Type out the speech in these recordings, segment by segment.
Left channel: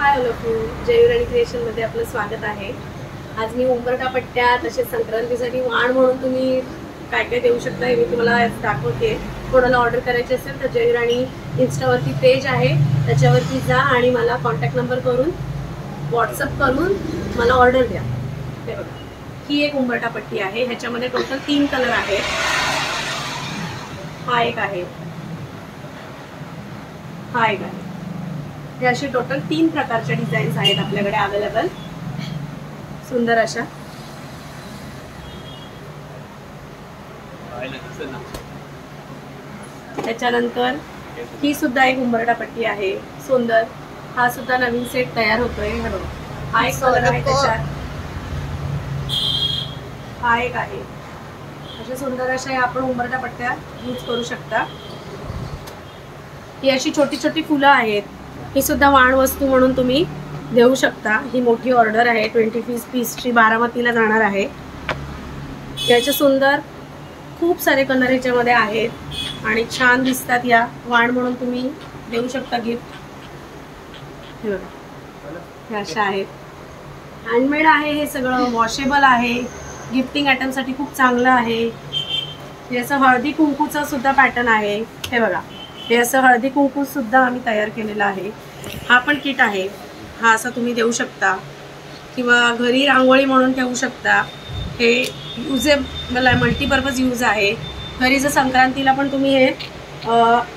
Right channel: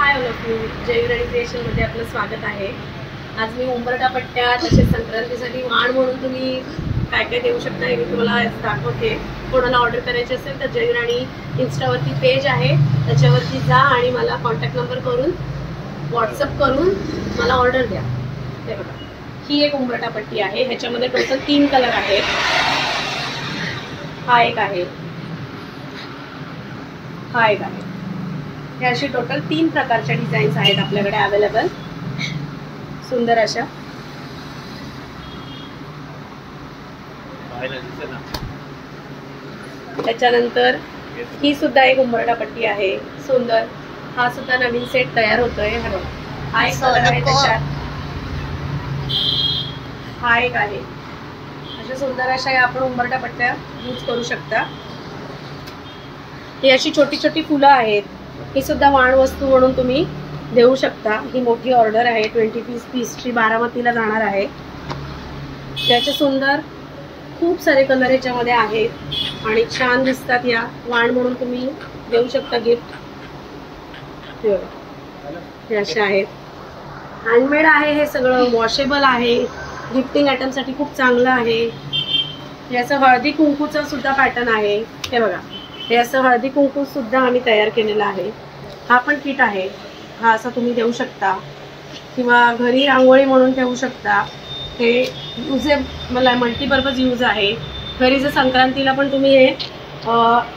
Hi all of you, जयुराणी क्रिएशनमध्ये आपलं स्वागत आहे। आज मी उंबरठा पट्ट्या तसेच संक्रांतीसाठी वाण म्हणून तुम्ही काय काय देऊ शकता हे मी तुम्हाला दाखवते। कोणाला ऑर्डर करायची असेल तर जयुराणी इंस्टावरती पेज आहे, त्याच्यावरती जा आणि मला कॉन्टॅक्ट नंबर करून व्हॉट्सअप करून मला ऑर्डर द्या। ते बघा, ही एक उंबरठा पट्टी आहे, ह्याच्यामध्ये टोटल 3 कलर आहेत। हा एक आहे, हा एक आहे। हे अशी टोटल 3 प्रकारच्या डिझाईन्स आहेत आपल्याकडे अवेलेबल, सुंदर अशा। त्याच्यानंतर ही सुद्धा एक उंबरठा पट्टी आहे, सुंदर। हा सुद्धा नवीन सेट तयार होतोय। हे बघा, हा एक कलर आहे त्याच्यात, हा एक आहे। अशा सुंदर अशा आपण उंबरठा पट्ट्या यूज करू शकता। ही अशी छोटी छोटी फुलं आहेत, ही सुद्धा वाण वस्तू म्हणून तुम्ही देऊ शकता। ही मोठी ऑर्डर आहे, 25 पीसची, बारामतीला जाणार आहे। याचे सुंदर खूप सारे कलर याच्यामध्ये आहेत आणि छान दिसतात। या वाण म्हणून तुम्ही देऊ शकता गिफ्ट। हे अशा आहेत, हँडमेड आहे, हे सगळं वॉशेबल आहे, गिफ्टिंग आयटमसाठी खूप चांगलं आहे। हे असं हळदी कुंकूचं सुद्धा पॅटर्न आहे। हे बघा, हे असं हळदी कुंकू सुद्धा आम्ही तयार केलेलं आहे। हा पण किट आहे, हा असा तुम्ही देऊ शकता किंवा घरी रांगोळी म्हणून ठेवू शकता। हे युजेबल आहे, मल्टीपर्पज यूज आहे। घरी जर संक्रांतीला पण तुम्ही हे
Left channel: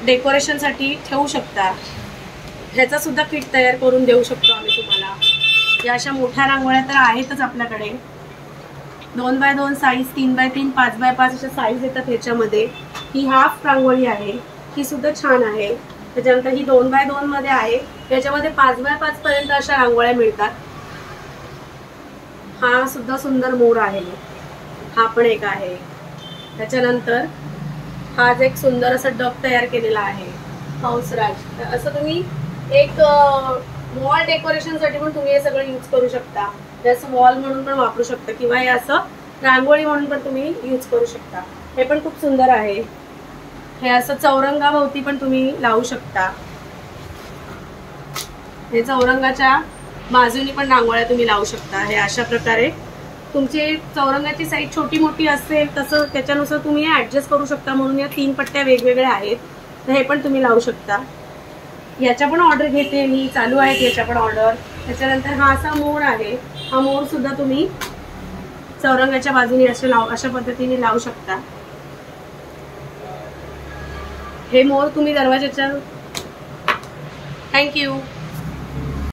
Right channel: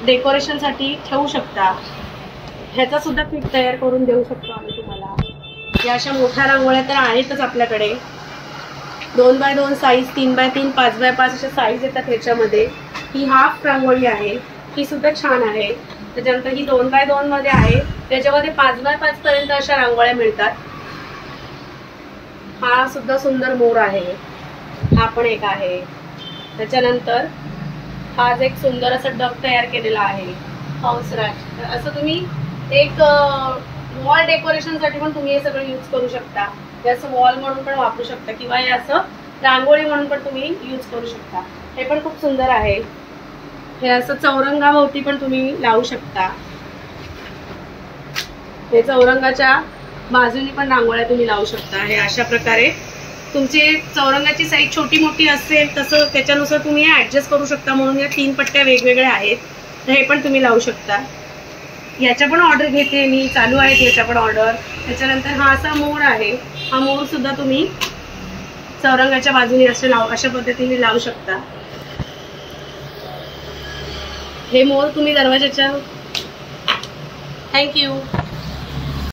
डेकोरेशनसाठी ठेवू शकता। ह्याचा सुद्धा किट तयार करून देऊ शकतो आम्ही तुम्हाला। या अशा मोठ्या रांगोळ्या तर आहेतच आपल्याकडे, 2x2 साईज, 3x3, 5x5 अशा साईज येतात ह्याच्यामध्ये। ही हाफ रांगोळी आहे, ही सुद्धा छान आहे। त्याच्यानंतर ही 2x2 मध्ये आहे, त्याच्यामध्ये 5x5 पर्यंत अशा रांगोळ्या मिळतात। हा सुद्धा सुंदर मोर आहे, हा पण एक आहे। त्याच्यानंतर हा एक सुंदर असं डक तयार केलेला आहे, हंसराज। असं तुम्ही एक वॉल डेकोरेशनसाठी पण तुम्ही हे सगळं यूज करू शकता। हे असं वॉल म्हणून पण वापरू शकता किंवा हे असं रांगोळी म्हणून पण तुम्ही यूज करू शकता। हे पण खूप सुंदर आहे। हे असं चौरंगाभोवती पण तुम्ही लावू शकता। हे चौरंगाच्या बाजूनी पण रांगोळ्या तुम्ही लावू शकता। हे अशा प्रकारे तुमची चौरंगाची साईज छोटी मोठी असेल तसं त्याच्यानुसार तुम्ही ॲडजस्ट करू शकता, म्हणून या 3 पट्ट्या वेगवेगळ्या आहेत, तर हे पण तुम्ही लावू शकता। याच्या पण ऑर्डर घेते मी, चालू आहेत याच्या पण ऑर्डर। त्याच्यानंतर हा असा मोर आहे, हा मोर सुद्धा तुम्ही चौरंगाच्या बाजूने अशा पद्धतीने लावू शकता। हे मोर तुम्ही दरवाजाच्या, थँक्यू।